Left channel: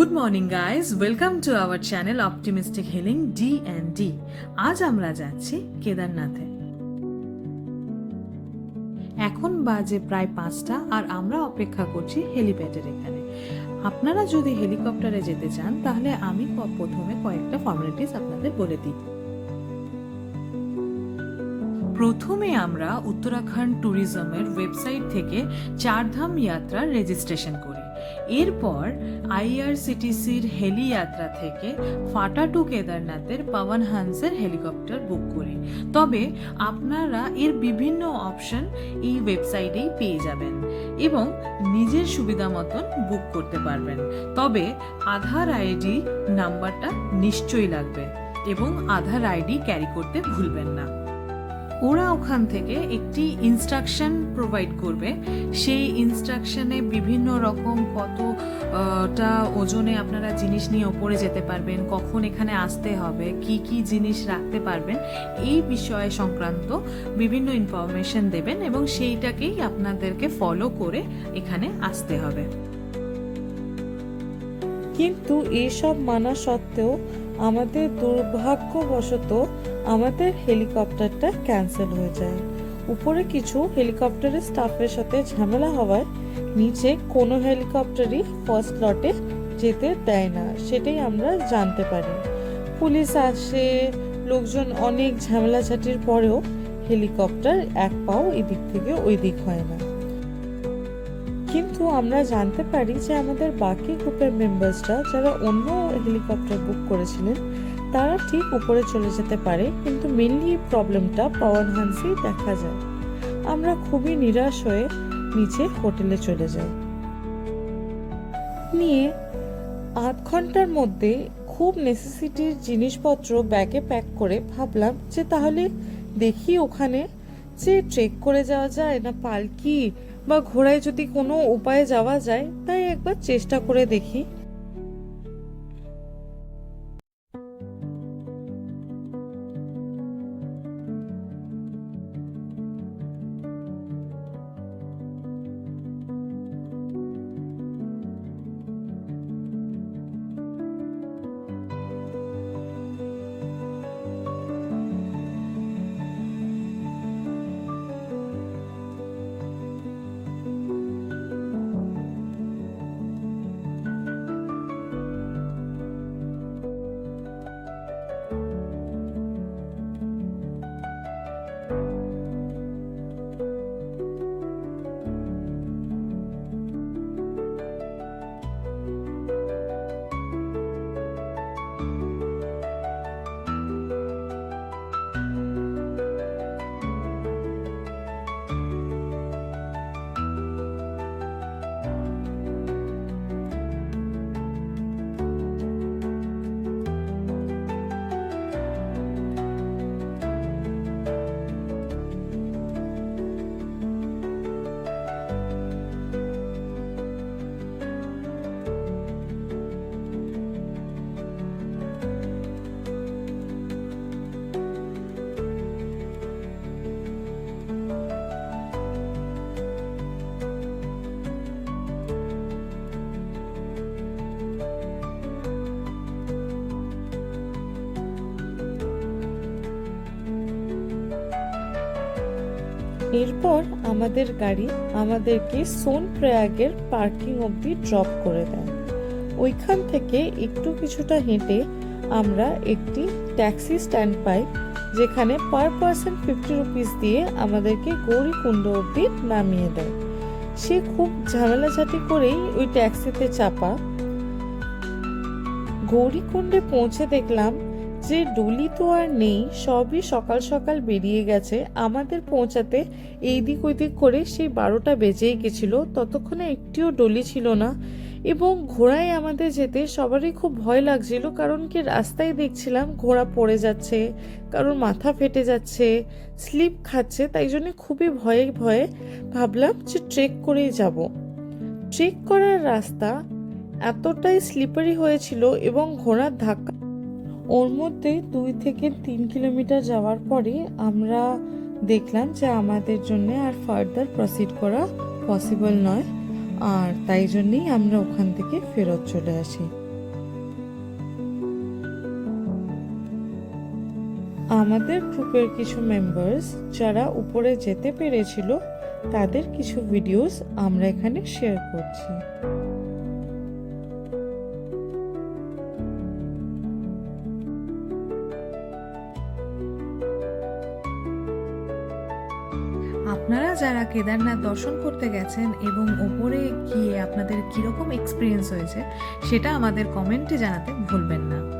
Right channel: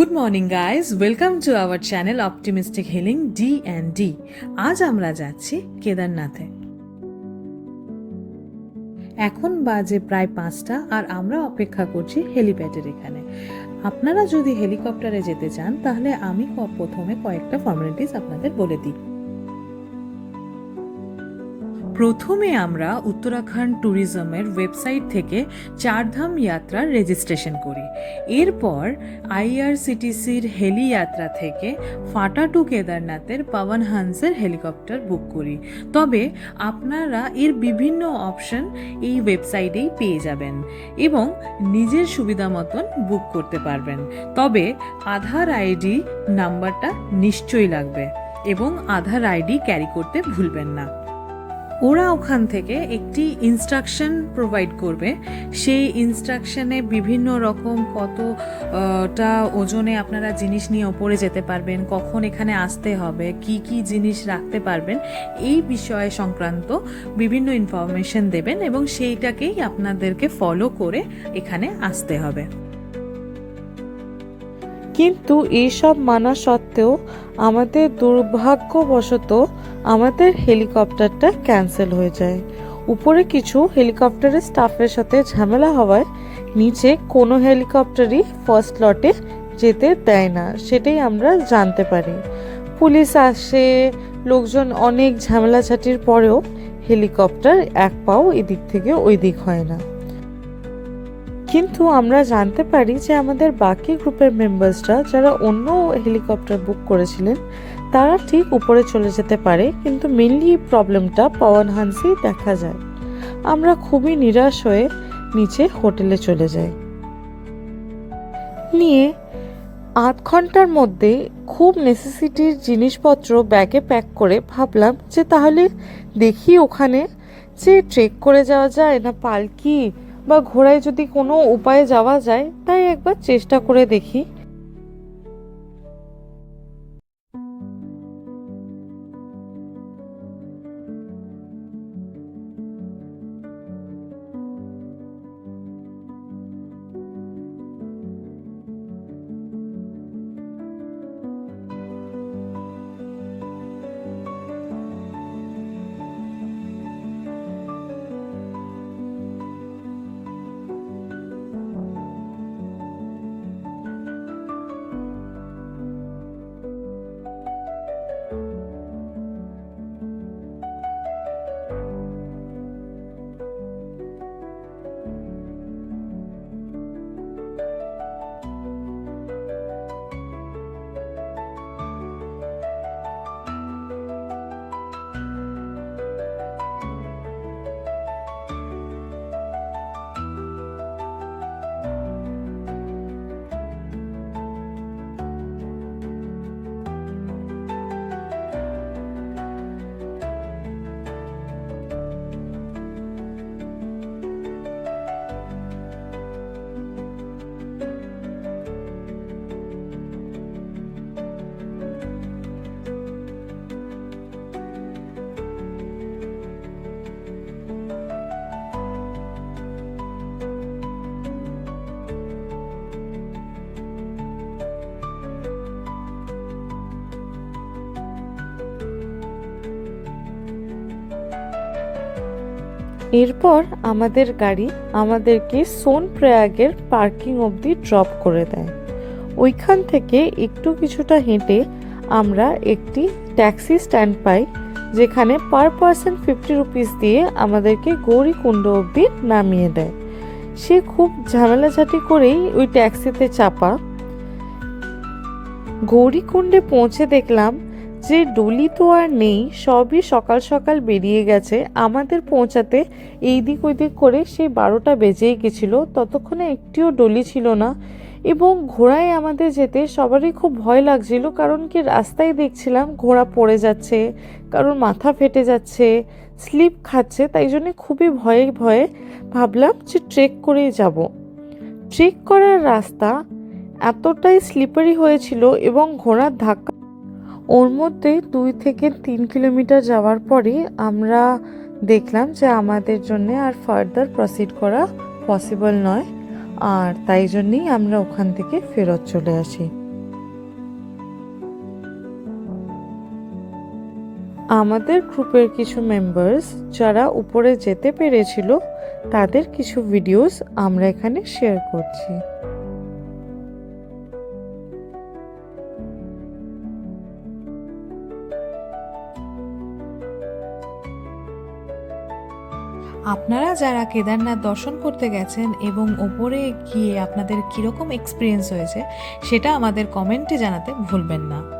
Good morning guys, welcome to our channel optimistic healing D&D। আজ আমরা যাচ্ছি কেদারনাথে। এখন বাজে প্রায় 5টা আর আমরা অপেক্ষা করছি হেলিপ্যাডের এখানে। আপনারা যদি হেলিকপ্টারে যেতে চান তাহলে আমি প্রথমে কয়েকটা ফর্মালিটিস আপনাদের বলে দিই। প্রথমে আমরা উত্তরাখণ্ড ট্যুরিজমের ওয়েবসাইট থেকে চারধাম যাত্রার রেজিস্ট্রেশন করি। এরপর IRCTCর হেলি যাত্রা থেকে ফাটা টু কেদারনাথের পবন হান্সের হেলিকপ্টার বুক করি। তবে আপনারা এর বিভিন্ন অপশন এই ওয়েবসাইটেই পেয়ে যাবেন এবং নিজের সুবিধা মতন বুক করতে পারবেন। তবে আধার আইডি নাম্বারটা নিশ্চয়ই লাগবে এবং আধার আইডি ক্যারি করতে ভুলবেন না। ওরা ওখান থেকে একটি ইনস্ট্রাকশন প্রোভাইড করবে। সেই ইনস্ট্রাকশনে বিভিন্ন রকম কতটা ওজনে আপনারা জিনিস নিয়ে ওপরে যেতে পারবেন, কখন এখানে আসতে হবে, কি কি জিনিস রাখতে পারবেন, এই বিষয় সংক্রান্ত বিভিন্ন ইনফরমেশন দেবেন এবং সেইটাকেই আপনাদেরকে ফলো করে এখানে আসতে হবে। কিন্তু এইসব মানা সত্ত্বেও আমাদের দুর্ভাগ্যবশত আমাদের হেলিকপ্টারটা ক্যান্সেল হয়ে যায়। উপরে কিছু হেলিকপ্টারের স্টাফের সাথে ঝামেলা হওয়ায় নিচে কোনো হেলিকপ্টারই ফার্স্ট লটে যেতে দেয় না, সেটাই আমরা জানতে পারি। পুলিশ আসে, লোকজন অনেক ঝামেলাঝাটির পরেও হেলিকপ্টার এক পাও এদিক থেকে ওই দিক হয় না। কিন্তু আমরা জানতে পারি যে আমাদের বাকি গ্রুপের মেম্বার্সরা যারা অন্য হেলিকপ্টার বুক করেছিলেন তারা ঠিক উপরে চলে যেতে পারে, কিন্তু মেনলি প্রবলেমটা পবন হান্সেই দেখা যায়। আমরা খুবই নিরাশ হয়ে নিচে হোটেলে চলে যাই। নিয়ে আধ ঘন্টার মধ্যে খুব নেসেসিটির জিনিসপত্র ব্যাগে প্যাক করে ভাবলাম যে তাহলে দেখি ওখানে যে ট্রেক করে যাওয়া যায় না পালকি বা ঘোড়ায় যদি কোনো উপায়ে যাওয়া যায়, তাই একবার চেষ্টা করে দেখি। এরপর আমাদের গাড়ি আমাদেরকে সোনপ্রয়াগের পার্কিং অবধি ড্রপ করে দেয়। ওইখান থেকে একটু কিছুটা হেঁটে আমরা একটি ট্যাক্সি স্ট্যান্ড পাই, যেখানে পার পার্সন 50 রুপিস দিয়ে আমাদেরকে গৌরীকুণ্ড অবধি নামিয়ে দেয়। সে খুব ঝামেলাঝাটি করেই ওই ট্যাক্সিতে চাপা। গৌরীকুণ্ডে পৌঁছে দেখলাম যে ডলি তো আর নেই, সবই সকাল সকাল বেরিয়ে গেছে। আমাদের পৌঁছাতে এই দিক ওই দিক করে সেই 12টা বেজেই গেছিল, ততক্ষণে একটিও ডলি ছিল না। এবং ঘোড়ায় আমাদের যেতে সবারই খুব ভয় লাগছিল, কারণ কি রাস্তায় দেখছিলাম ঘোড়া পড়ে যাচ্ছে, কারণ মাথা ফেটে যাচ্ছে, স্লিপ খাচ্ছে। তাই জন্য খুবই ভয়ে ভয়ে ভাবলাম যে ট্রেক করেই যাব। ট্রেক করার রাস্তা এতটাই স্লিপারি হয়েছিল এবং ঘোড়ার ধাক্কা, ওর মধ্যে 2 থেকে 3 কিলোমিটার যাওয়ার পরে আমরা দেখলাম যে আমাদের জন্য আর ফার্দার প্রসিড করা পসিবল নয়, আর তাই জন্যই আমরা ওখান থেকে ফেরত চলে আসি। আমাদের গ্রুপের কিছু মেম্বার্স যারা উপরে যেতে পেরেছিল তাদের কিছু ভিডিওস আমরা এখানে শেয়ার করছি। আপনারা যারা কেদারনাথ দর্শন করতে গেছেন এবং ওপরে গিয়ে আপনাদের কীরকম এক্সপিরিয়েন্স হয়েছে সেটা আমাদের কমেন্টে জানাতে ভুলবেন না।